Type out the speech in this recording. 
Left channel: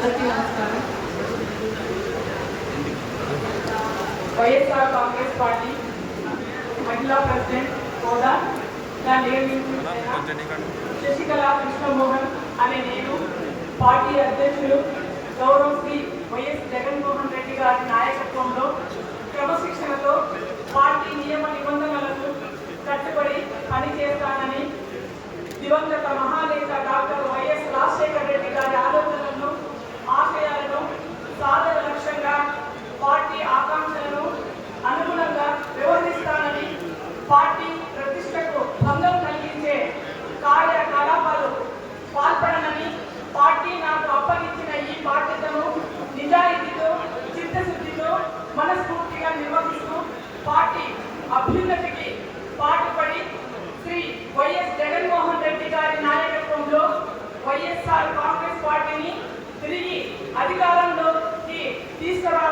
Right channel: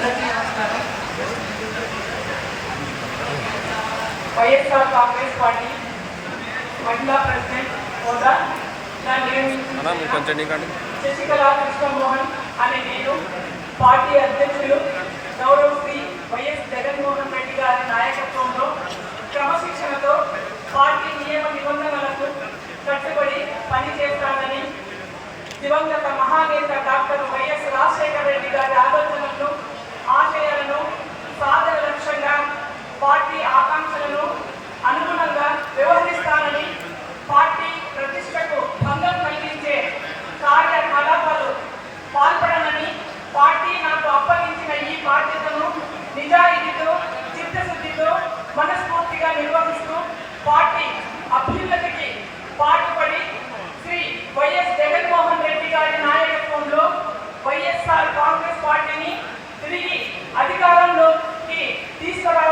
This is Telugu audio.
అందరికీ నమస్కారం. వైఎస్ఆర్ కాంగ్రెస్ పార్టీ మహిళా ప్రెసిడెంట్ నియమించిన శశికళ కృష్ణమోహన్ అనే నేను పార్టీ అధ్యక్షులు. గౌరవ శ్రీ వైఎస్ జగన్మోహన్ రెడ్డి గారి నాయకత్వంలో క్రమశిక్షణతో పార్టీ నియమ నిబంధనలకు కట్టుబడి పనిచేస్తానని దివంగత మహానేత డాక్టర్ వైఎస్ రాజశేఖర రెడ్డి గారి ఆలోచనలను పార్టీ ఆకాంక్షలను అనుగుణంగా వ్యవహరిస్తానని పార్టీ ప్రతిష్టకు భంగం కలిగించే కార్యకలాపాలు పాల్పడనని పార్టీ నాకు అప్పగించిన ఈ బాధ్యతను నిజాయితీతో చిత్తశుద్ధితో మనస్ఫూర్తిగా నిర్వహిస్తూ పార్టీ అభ్యున్నతికి పాటుపడి శ్రీ వైఎస్ జగన్మోహన్ రెడ్డి గారి నాయకత్వంలో వైఎస్ఆర్ కాంగ్రెస్ పార్టీని తిరిగి అధికారంలోకి తీసుకురావడానికి